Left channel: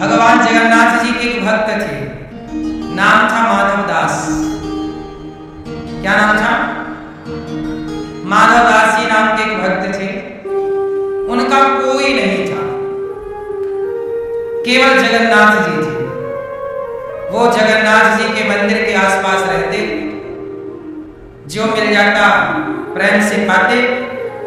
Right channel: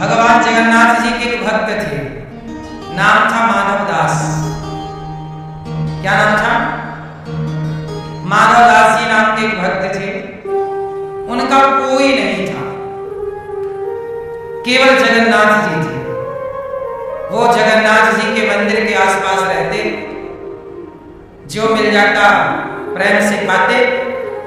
भगवान जगन्नाथ जी के एक भक्त थे, नाम था माधव दास। क्या नाम था? माधव दास जी नाम के एक भक्त थे। उनका कोई नहीं था, केवल जगन्नाथ जी थे। वो जगन्नाथ जी के मंदिर के आसपास रहते, जो मिल जाता प्रेम से पाते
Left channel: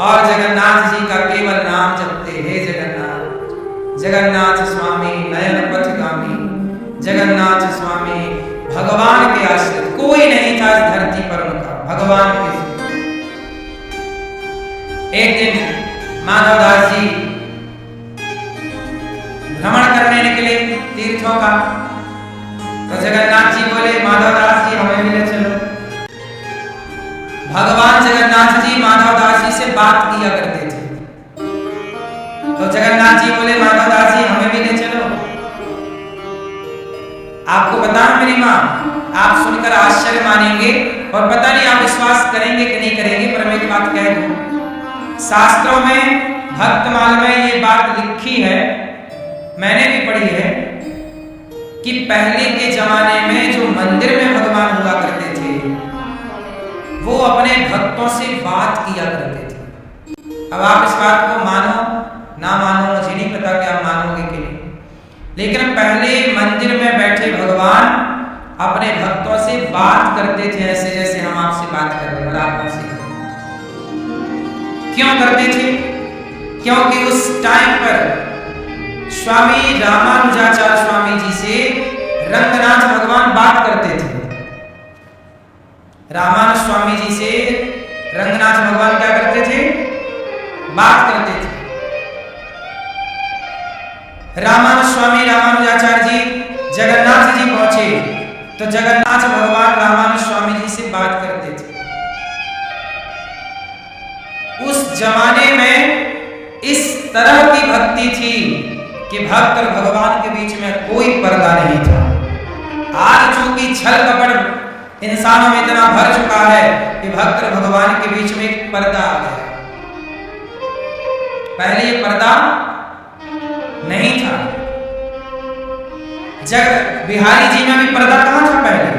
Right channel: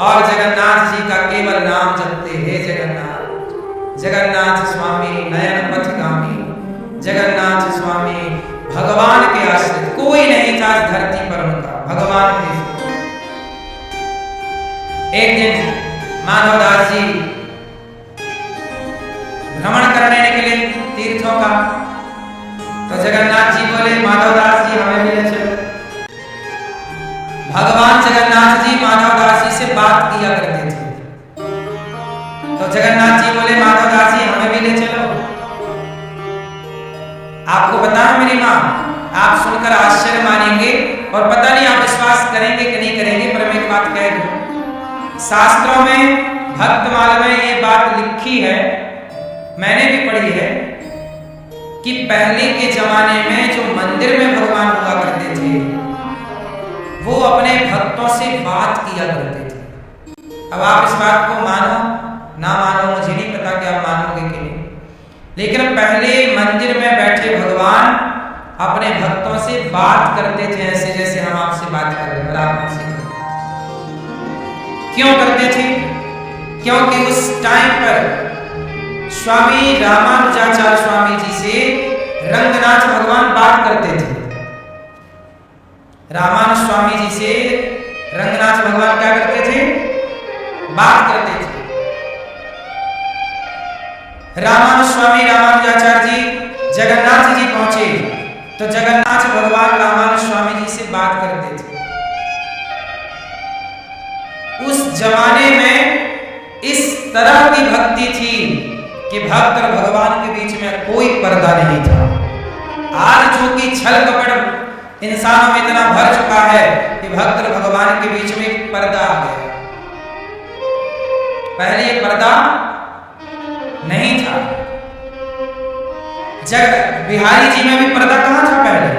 और जगन्नाथ जी का केवल नाम जपते। हे जगन्नाथ, जगन्नाथ स्वामी नयन पथगामी, जगन्नाथ स्वामी। भगवान के आश्रित कोई नहीं था इस धरती पर उनका, भगवान के। एक दिन माधव दास जी भ्रमण करने निकले तीर्थों का, तो जगन्नाथ जी बोले माधव दास जी हमें भी ले चलो। भगवान जगन्नाथ जी माधव दास जी से बात किया करते थे, तो जगन्नाथ जी बोले माधव दास जी हमें भी ले चलो। आपको बताएं मेरी माँ, आप सुनकर आश्चर्य मानेंगे और पता नहीं आप विश्वास करेंगे कि नहीं करेंगे, पर मैं एक बात कह दूं, शास्त्रों में भक्तमाल में ये बात लिखी है, मैंने भी पढ़ी है, कि पहले के जमाने में जो मंदिर में भगवान हुआ करते थे, वो अपने भक्तों से बात किया करते थे। अब आप इस बात को मानो ना मानो, मुझे नहीं पता कि आप मानोगे कि नहीं, लेकिन पहले मंदिर में बैठे भगवान अपने भक्तों से बात करते थे, ऐसे जैसे हम आपसे बात कर रहे हैं और आप हमसे। क्यों करते थे? क्योंकि उस टाइम पर स्वामी रामानुजाचार्य स्वामी जी से रंगनाथ भगवान बात करते थे। रामानुज स्वामी जी से रंगनाथ भगवान क्या करते थे? बात करते थे। रामानुज स्वामी रामानुजाचार्य जी जगन्नाथ जी पहुंचे, तो जगन्नाथ भगवान रामानुज स्वामी जी से बात करते थे। उस जमाने में इस तरह की भक्ति थी कि भक्त और भगवान के बीच में कोई पर्दा नहीं था। आज चूंकि छल कपट इंसानों में इतना भर चुका है कि भक्त और भगवान के बीच में एक पर्दा आ गया। पहले ये पर्दा नहीं था। जग बिहारी जी में भी पर्दा कहां था पहले?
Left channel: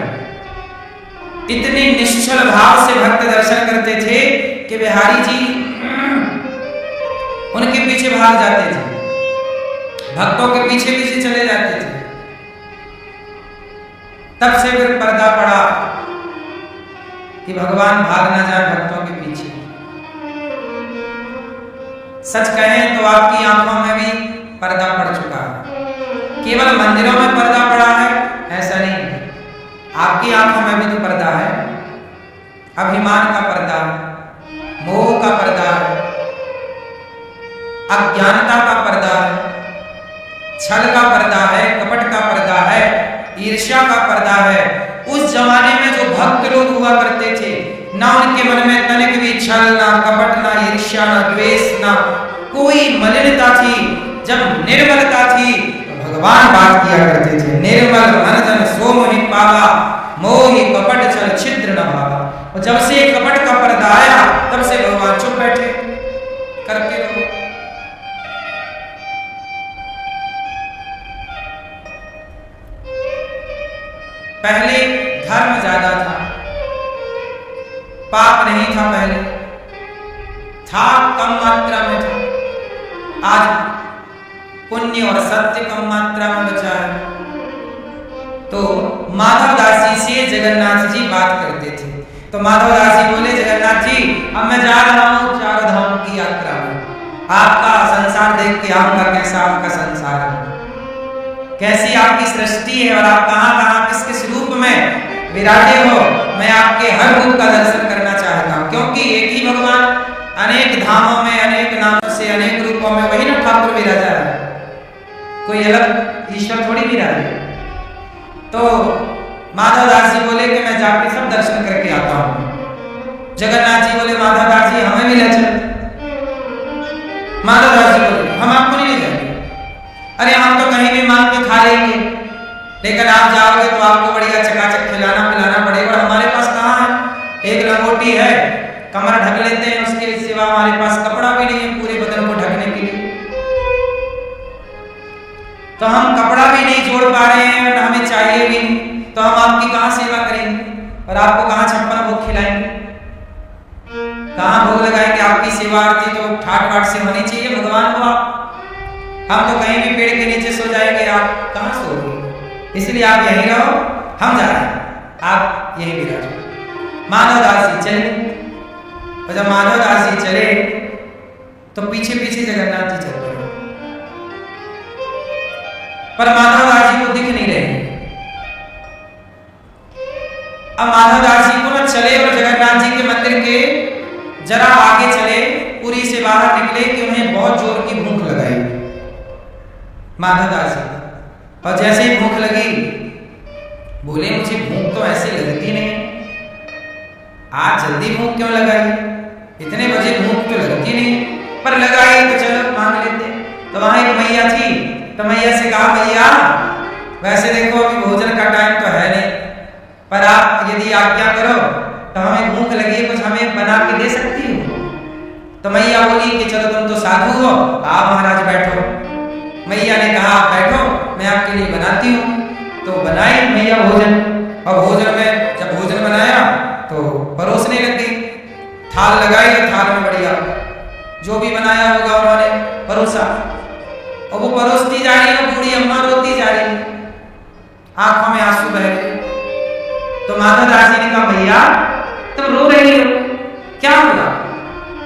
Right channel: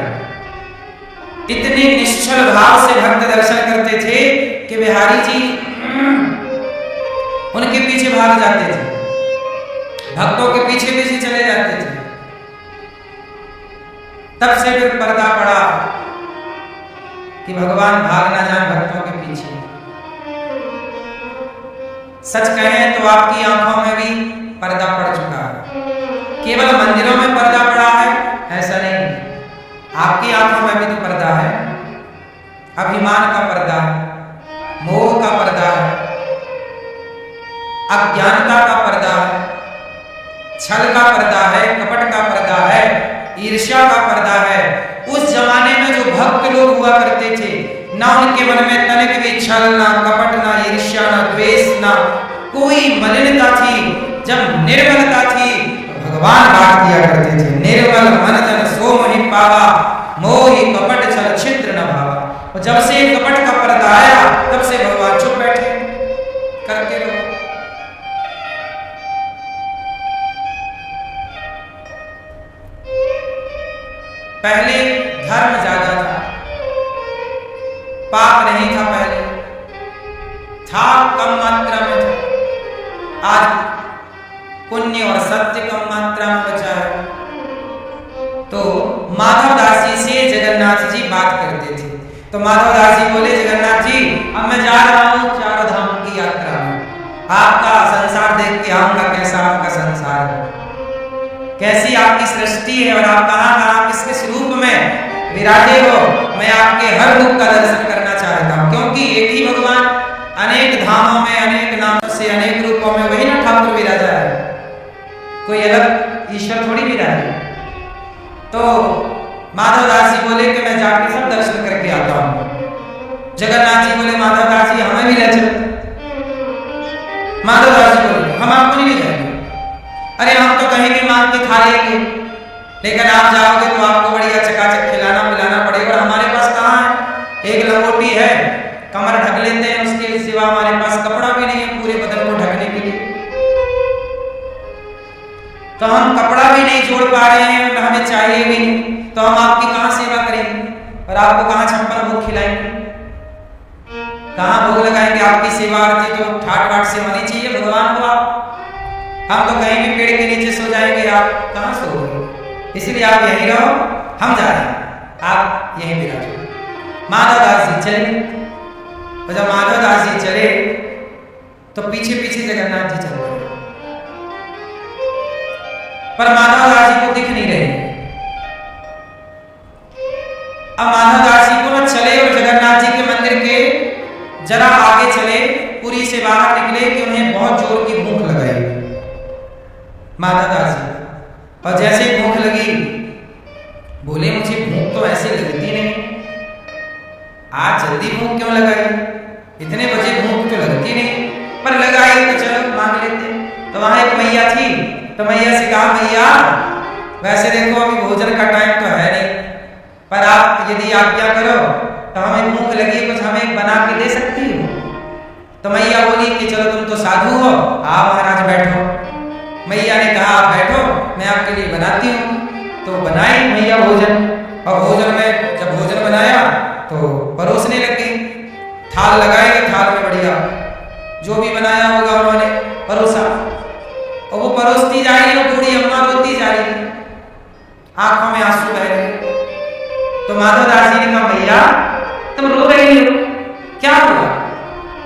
इतने निश्चल भाव से भक्त दर्शन करते थे कि बिहारी जी उनके पीछे भाग जाते थे, भक्तों के पीछे पीछे चले जाते थे। तब से फिर पर्दा पड़ा कि भगवान भाग ना जाए भक्तों के पीछे। सच कहें तो आपकी आंखों में भी पर्दा पड़ चुका है। केवल मंदिरों में पर्दा पड़ा है ऐसा नहीं, आपकी आंखों में भी तो पर्दा है। अभिमान का पर्दा है, मोह का पर्दा है, अज्ञानता का पर्दा है, छल का पर्दा है, कपट का पर्दा है, ईर्ष्या का पर्दा है। उस जमाने में जो भक्त लोग हुआ करते थे, ना उनके मन में तनिक भी छल, ना कपट, ना ईर्ष्या, ना द्वेष, ना कोई मलिनता थी। जब निर्मलता थी तो भगवान बात किया करते थे। निर्मल मन जन सो मोहि पावा, मोहि कपट छल छिद्र न भावा। और जब से कपट का पर्दा आया तब से भगवान चुप बैठे, करते रहो। पहले धर्म ज्यादा था, पाप नहीं था, पहले था कम मात्रा में था। आज पुण्य और सत्य कम मात्रा में बचा है। तो माधव दास जी से जगन्नाथ जी बात करते थे, तो माधव दास जी बोले जगन्नाथ जी अब मैं जा रहा हूं 4 धाम की यात्रा में, आपका संसार देख के आऊंगा कैसा आपका संसार है, कैसी आपकी सृष्टि है और आप कहां कहां किस किस रूप में विराजे हो। मैं आपके हर रूप का दर्शन करना चाहता हूं, क्योंकि एक ही भगवान अनेक धामों में अनेक नामों से अनेक रूपों में वही ना ठाकुर विराजा है, कोई अलग ईश्वर थोड़ी विराजे। तो माधव दास जी बोले कि मैं जाके सब दर्शन करके आता हूं। जगन्नाथ जी बोले माधव दास जी हमें भी ले चलो। माधव दास जी बोले हम आपको नहीं ले जाएंगे, अरे हम तो कहीं भी मांग के खा लेंगे, लेकिन आप जाओगे तो आपको बढ़िया चकाचक खिलाना पिलाना पड़ेगा, और हमारे पास कहाँ है, एक लंगोटी है, कमर ढक लेते हैं, उसके सिवा हमारे पास कपड़ा भी नहीं है पूरे बदन को ढकने के लिए। तो हम कपड़ा भी नहीं जोड़ पा रहे हैं और हमें चाहिए भी नहीं, तो हम आपकी कहाँ सेवा करेंगे और आपको कहाँ 56 भोग खिलाएंगे, कहाँ भोग लगाएंगे। आपकी सेवा आरती तो ठाट बाट से होनी चाहिए, भगवान हो आप। हम तो कहीं भी पेड़ के नीचे सो जाएंगे, आप कहाँ सोओगे। इसलिए आप यहीं रहो, हम जा रहे हैं, आप यहीं विराजो। माधव दास जी चले, और जब माधव दास जी चले तो पीछे पीछे जगन्नाथ जी चल पड़े, पर माधव दास जी को दिख नहीं रहे। अब माधव दास जी को न चले और जगन्नाथ जी के मंदिर के जरा आगे चले, पुरी से बाहर निकले कि उन्हें बहुत जोर की भूख लगाई माधव दास जी को। और जैसे ही भूख लगी, बोले मुझे भूख तो ऐसे लगती नहीं, आज जल्दी भूख क्यों लगाई, इतने बजे भूख तो लगती नहीं, पर लगाई तो चलो मांग लेते। तो वहां एक मैया थी, तो मैया से कहा, मैया वैसे देखो अभी भोजन का टाइम तो है नहीं, पर आप यदि आज्ञा करो तो हमें भूख लगी है, कुछ हमें बना के दे सकती हो। तो मैया बोली कि चलो तुम तो साधु हो, आओ महाराज बैठो। मैया ने कहा आप बैठो, मैं आपके लिए बनाती हूँ। तो बनाई मैया भोजन, और भोजन में जब भोजन बनाया तो परोसने लग गई, थाल लगाई, थाल में बढ़िया जो भी बनाया होगा उन्होंने परोसा, और वो परोसती जा रही है, बूढ़ी अम्मा रोती जा रही है, आंखों में आंसू बह गए। तो माधव दास जी ने कहा, मैया तुम रो रही हो, क्या हुआ।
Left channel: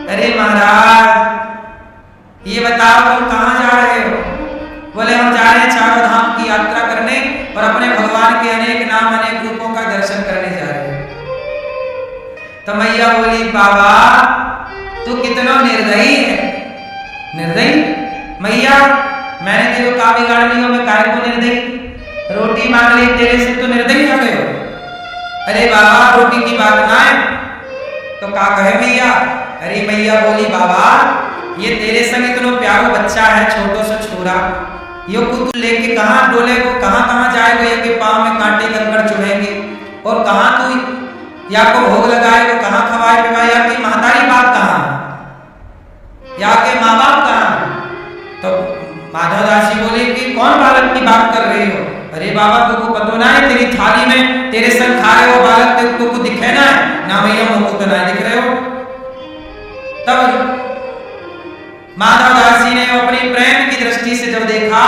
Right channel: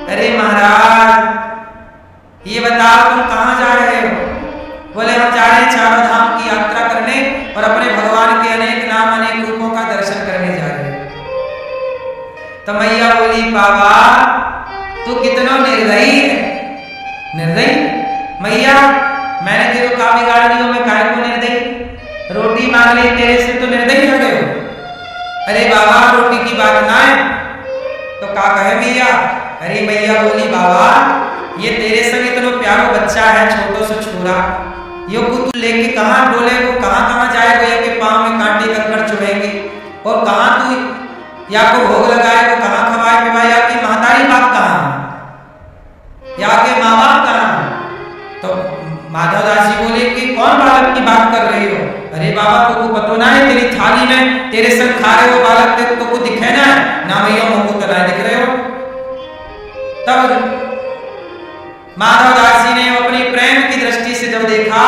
अरे महाराज ये बताओ तुम कहाँ जा रहे हो। बोले हम जा रहे हैं चारों धाम की यात्रा करने और अपने भगवान के अनेक नाम अनेक रूपों का दर्शन करने जा रहे हैं। तो मैया बोली, बाबा तू कितना निर्दयी है। निर्दयी मैया, मैंने तेरे को का बिगाड़ लियो, मैं काहे को निर्दयी, रोटी मांग ली तेरे से तो निर्दयी हो गए हो। अरे बाबा रोटी की बात ना है तो का कहे मैया। अरे मैया बोली, बाबा ये तेरे संग इतना प्यारो बच्चा है, छोटो सा छोरा, यो को तू लेके कहाँ डोले को, कहाँ कहाँ जाएगो, या के पाँव में कांटे कंकड़ चुभेंगे, और कहाँ तू या को भोग लगाए को, कहाँ खवाए पिवाए, या की महतारी बाप कहाँ, या के माँ बाप कहाँ। तो माधव दास जी बोले कि कौन बालक की बात कर रही हो। अरे बाबा तुमको पतो ना है, तेरी थाली में तेरे संग खा रहे हो बालक, तुमको दिखे ना है ना मैया, मुझको तो ना दिख रहे हो। तब माधव दास जी ने अपनी प्रेम की दृष्टि से जब देखा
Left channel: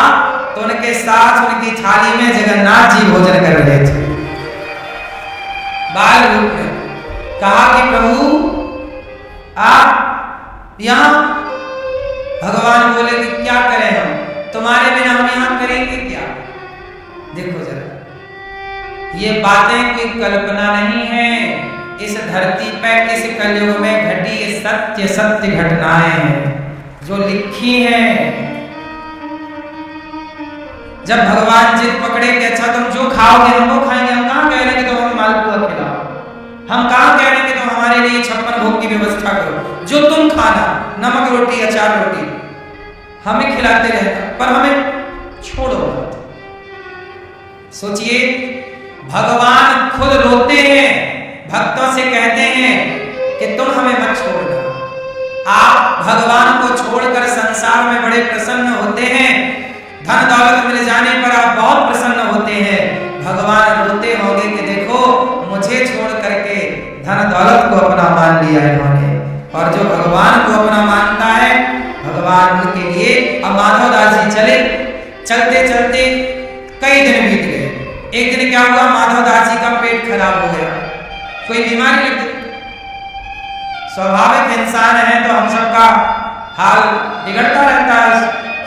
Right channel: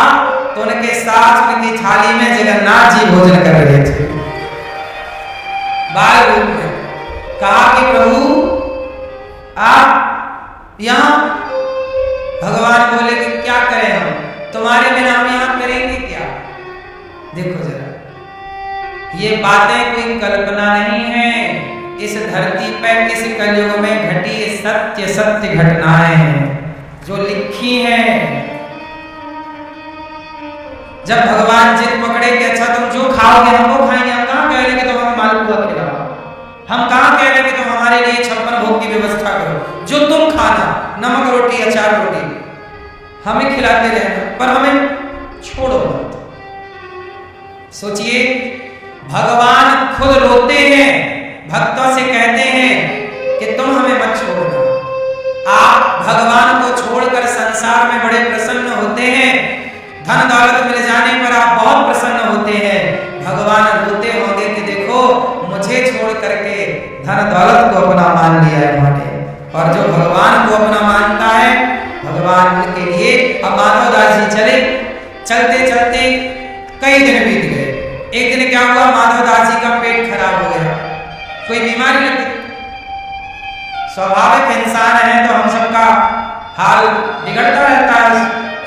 तो उनके साथ उनकी थाली में जगन्नाथ जी भोजन कर रहे थे बाल रूप में। कहा कि प्रभु आप यहाँ, भगवान बोले कि क्या करें हम, तुम्हारे बिना हम यहाँ करेंगे क्या। देखो जरा ये बातें कोई कल्पना नहीं है, इस धरती पर इस कलयुग में घटी सत्य सत्य घटनाएं हैं जो लिखी हैं। जब भगवान जिद पकड़े कि अच्छा तुम जो खाओगे हम वो खाएंगे, हम कहाँ कह रहे हैं कि तुम हमें मालपुआ खिलाओ, हम कहाँ कह रहे हैं कि तुम हमारे लिए 56 भोग की व्यवस्था करो, जो तुम खाना नमक रोटी अचार रोटी हमें खिलाते रहना, पर हमें छोड़ो मत। सोचिए भगवान खुद रोते हैं, भक्तों से कहते हैं कि तुम हमें मत छोड़ना। आप भगवान को छोड़कर संसार में बड़े प्रसन्न होते हैं, धन दौलत मिल जाने पर आप बहुत प्रसन्न होते हैं। भगवान रोते होंगे कि देखो मुझे छोड़ करके धन दौलत को अपना मान लिया इन्होंने, और जो भगवान को अपना मानता है भगवान के लिए। अब माधव दास जी चले, चलते चलते कई दिन बीत गए। एक दिन क्या हुआ, माधव दास जी का पेट खराब हो गया, कोई बीमारी लग गई। स्वाभाविक इंसान है तो हम सबका हाल बिगड़ता रहता है,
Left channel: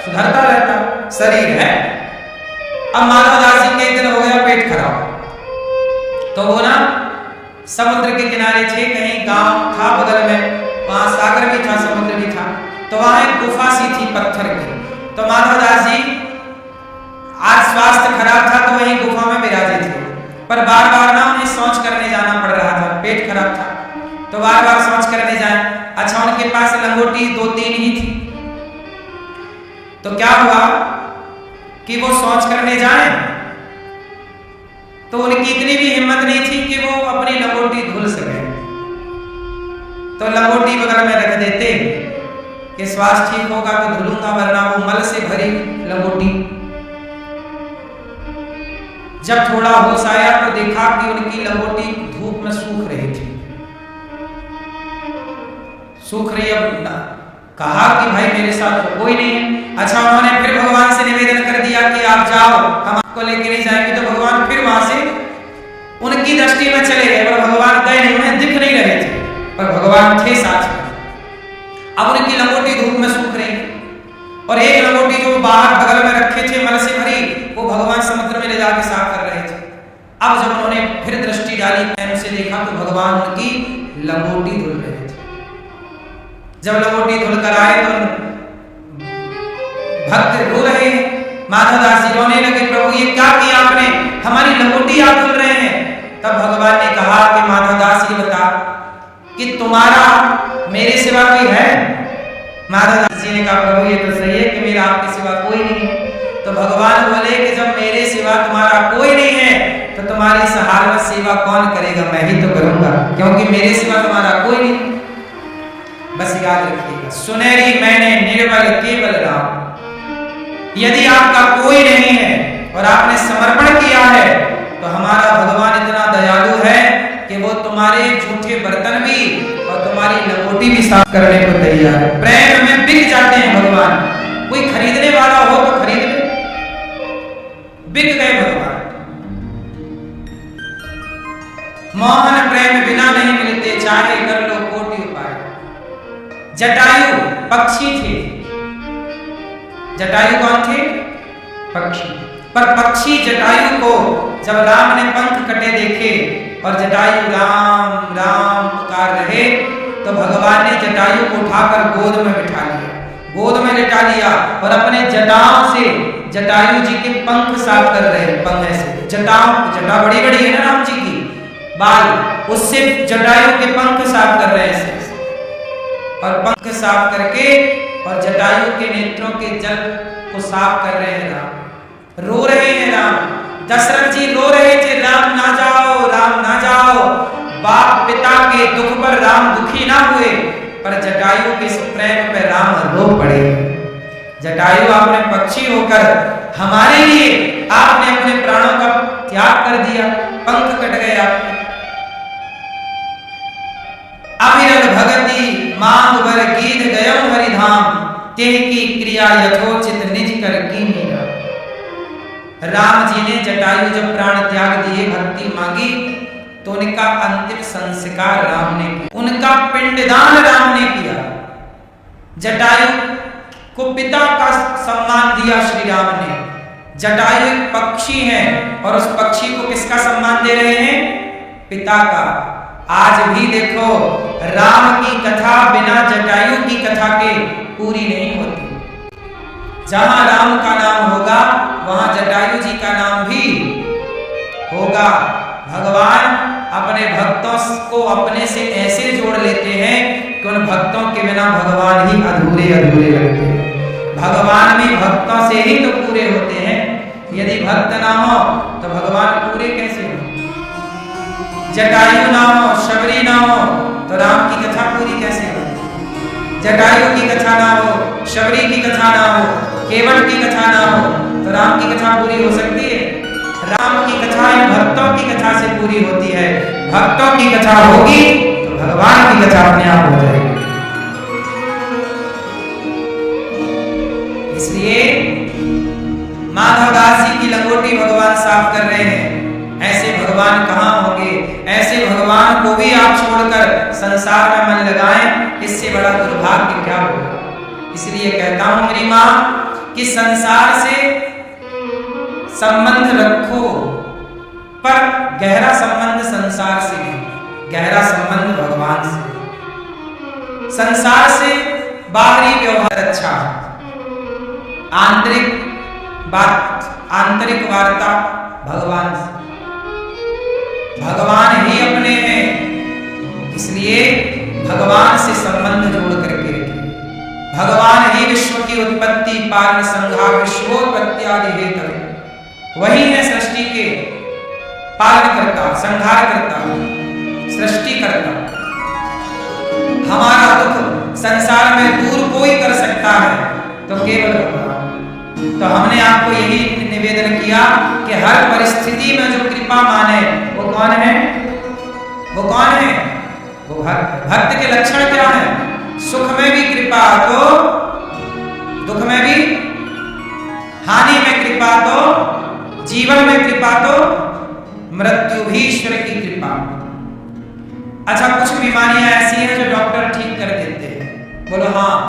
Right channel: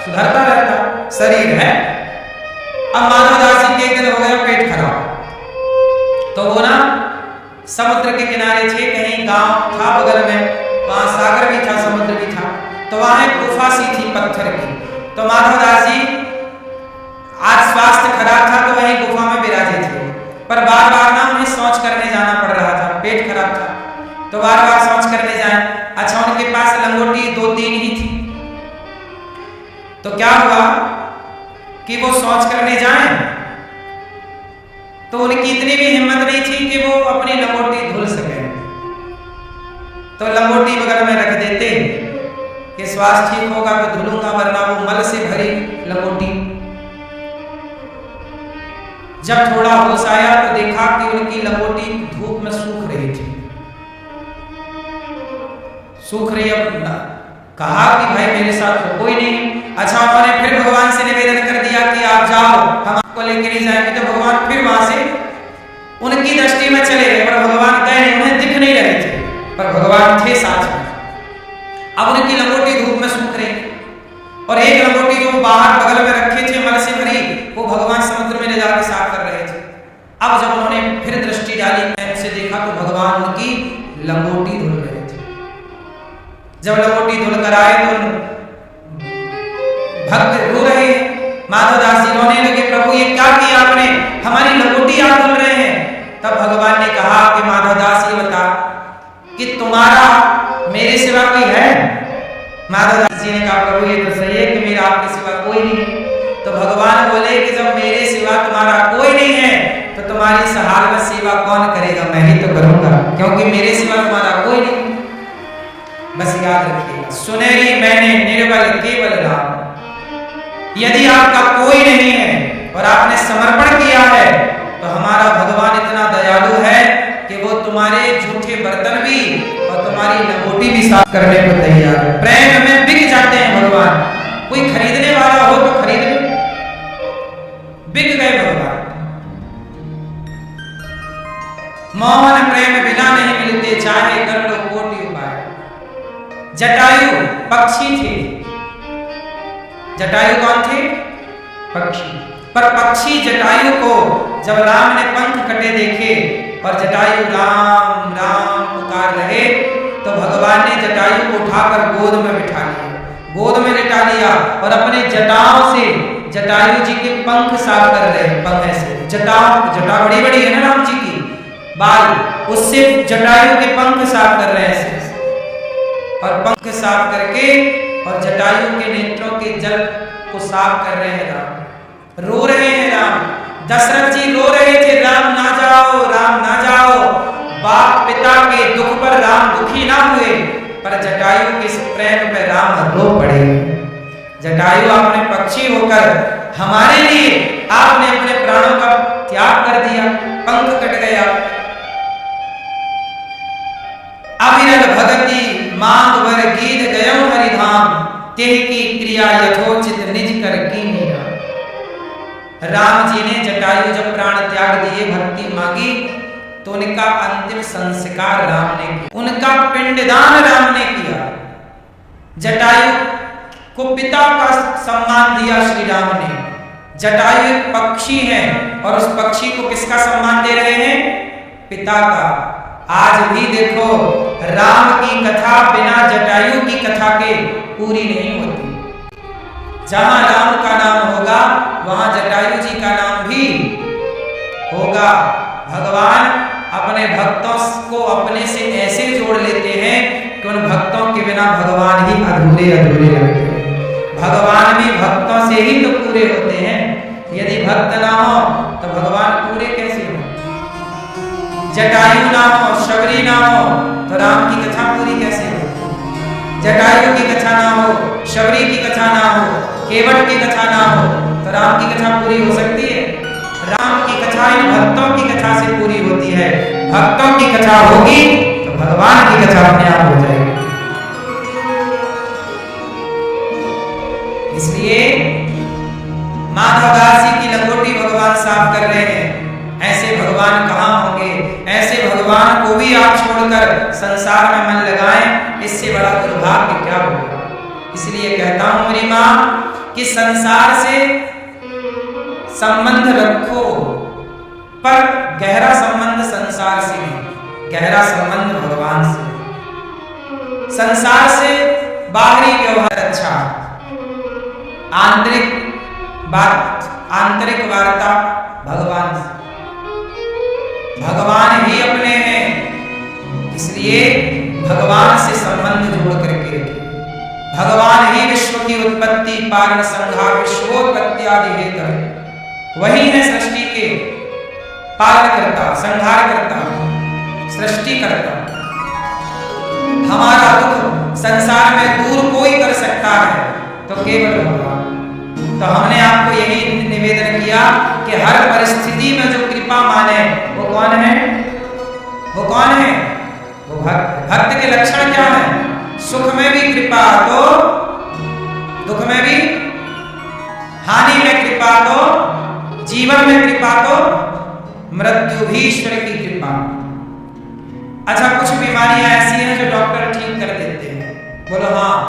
सुधरता रहता शरीर है। अब माधव दास जी के एक दिन हो गया पेट खराब, तो वो ना समुद्र के किनारे थे, कहीं गांव था बगल में, वहां सागर भी था समुद्र भी था, तो वहां एक गुफा सी थी पत्थर की। तो माधव दास जी आज स्वास्थ्य खराब था तो वहीं गुफा में विराजे थे, पर बार बार ना उन्हें शौच करने जाना पड़ रहा था, पेट खराब था तो बार बार शौच करने जाए। अच्छा उनके पास लंगोटी 2-3 ही थी, तो क्या हुआ कि वो शौच करने जाएं तो उनकी इतनी भी हिम्मत नहीं थी कि वो अपनी लंगोटी धुल सके, तो लंगोटी बगल में रख देते कि स्वास्थ्य ठीक होगा तो धुलूंगा, वरना वो मल से भरी लंगोटी जब थोड़ा होश आया तो देखा कि उनकी लंगोटी धूप में सूख रही थी, सूख रही। अब कहा कि भाई मेरे साथ तो कोई नहीं है। अच्छा, उन्होंने फिर भगवान से निवेदन कर दिया कि आप जाओ, हम आपको लेके नहीं जाएंगे। तो भगवान फिर वहां से उनकी दृष्टि में चले गए, पर भगवान गए नहीं, उन्हें दिख नहीं रहे थे, पर भगवान थे साथ में। अब उनकी लंगोटी धूप में सूख रही और एक लंगोटी जो बाहर बगल में रखे थे मल से भरी, वो भगवान समुद्र में ले जाके साफ कर रहे थे। अब जब उन्होंने फिर दृष्टि डाली, प्रेम से देखा तो भगवान उनकी लंगोटी धुल रहे थे। जब लंगोटी धुल कर आए तो भक्त रो रहे हैं। माधवदास जी रोने लगे, प्रभु ये क्या किया आपने, हमारी लंगोटी आप धुल रहे हैं। तब भगवान ने कहा कि माधवदास ये बता कि तुम्हारा मेरे सिवा कोई है? माधवदास जी ने कहा, प्रभु ये तो सही है कि मेरा आपके सिवा कोई नहीं है। तो भगवान बोले कि जब मेरे सिवा तुम्हारा कोई नहीं है तो तुम्हारी इस हाल में सेवा कौन करेगा? मैं ही तो करूंगा, क्योंकि मेरे सिवा तुम्हारा कोई नहीं। बस याद रखिएगा, सुनहरी मैंने निर्बल केवल राम। यदि आपका कोई नहीं है और आपने समर्पण किया है तो हमारा भगवान इतना दयालु है कि वो तुम्हारे झूठे बर्तन भी और तुम्हारी लंगोटी भी साफ करने को तैयार है। प्रेम में बिक जाते हैं भगवान। कोई खरीदने वाला हो तो खरीद ले, बिक गए भगवान। मोहन प्रेम बिना नहीं मिलते, चाहे कर लो कोटि उपाय। जटायु पक्षी थे। जटायु कौन थे? पक्षी। पर पक्षी जटायु को जब राम ने पंख कटे देखे और जटायु राम राम पुकार रहे तो भगवान ने जटायु को उठाकर गोद में बिठा लिया, गोद में लिटा लिया और अपने जटाओं से जटायु जी के पंख साफ कर रहे हैं। पंख से जटाओं, जटा बड़ी बड़ी है ना राम जी की, बाल, उससे जटायु के पंख साफ कर रहे हैं और पंख साफ करके और जटायु के नेत्रों के जल को साफ कर रहे हैं राम। रो रहे हैं राम। दशरथ जी रो रहे थे, राम ना जाओ, राम ना जाओ। बाप पिता के दुख पर राम दुखी ना हुए, पर जटायु के इस प्रेम पर राम रो पड़े। जटायु आपने पक्षी होकर हमारे लिए आपने अपने प्राणों का त्याग कर दिया, पंख कट गए आपके। अविरल भगति मांग वर गीध गयौ हरिधाम, तेह की क्रिया यथोचित निज कर की मीरा। राम जी ने जटायु जब प्राण त्याग दिए, भक्ति मांगी, तो उनका अंतिम संस्कार राम ने किया, उनका पिंडदान राम ने किया। जटायु को पिता का सम्मान दिया श्री राम ने। जटायु एक पक्षी है और उस पक्षी को किसका सम्मान दे रहे हैं? पिता का। आज भी देखो, राम की कथा बिना जटायु की कथा के पूरी नहीं होती। जहां राम का नाम होगा वहां जटायु जी का नाम भी होगा। भगवान अपने भक्तों को अपने से ऐसे जोड़ लेते हैं कि उन भक्तों के बिना भगवान ही अधूरे अधूरे लगते हैं। भगवान भी भक्तों से ही तो पूरे होते हैं। यदि भक्त ना हो तो भगवान पूरे कैसे हो? जटायु ना हो, शबरी ना हो तो राम की कथा पूरी कैसे हो? जटायु की कथा ना हो, शबरी की कथा ना हो, केवट की कथा ना हो तो राम की कथा पूरी हो सकती है? राम की कथा इन भक्तों की कथा से पूरी होती है। भक्तों की कथा होगी तो भगवान की कथा अपने आप हो जाएगी। इसलिए माधवदास जी की लंगोटी भगवान साफ कर रहे हैं। ऐसे भगवान कहाँ होंगे? ऐसे भगवान को भी आप छोड़कर संसार में मन लगाएं, इससे बड़ा दुर्भाग्य क्या होगा। इसलिए कहता हूं मेरी मां कि संसार से संबंध रखो, पर गहरा संबंध संसार से नहीं, गहरा संबंध भगवान से। संसार से बाहरी व्यवहार अच्छा, आंतरिक बात, आंतरिक वार्ता भगवान से। भगवान ही अपने हैं, इसलिए भगवान से संबंध जोड़ करके रखिए। भगवान ही विश्व की उत्पत्ति, पालन, संहार, विश्वोत्पत्ति आदि हेतु। वही है सृष्टि के पालन करता, संहार करता, सृष्टि करता। हमारा दुख संसार में दूर कोई कर सकता है तो केवल भगवान। तो हमने आपको यही निवेदन किया कि हर परिस्थिति में जो कृपा माने वो कौन है? वो कौन है? वो भक्त। भक्त के लक्षण क्या है? सुख में भी कृपा तो दुख में भी, हानि में कृपा तो जीवन में कृपा तो मृत्यु भी ईश्वर की कृपा। अच्छा, कुछ बीमारियां ऐसी हैं जो डॉक्टर ठीक कर देते हैं, बोलो हाँ।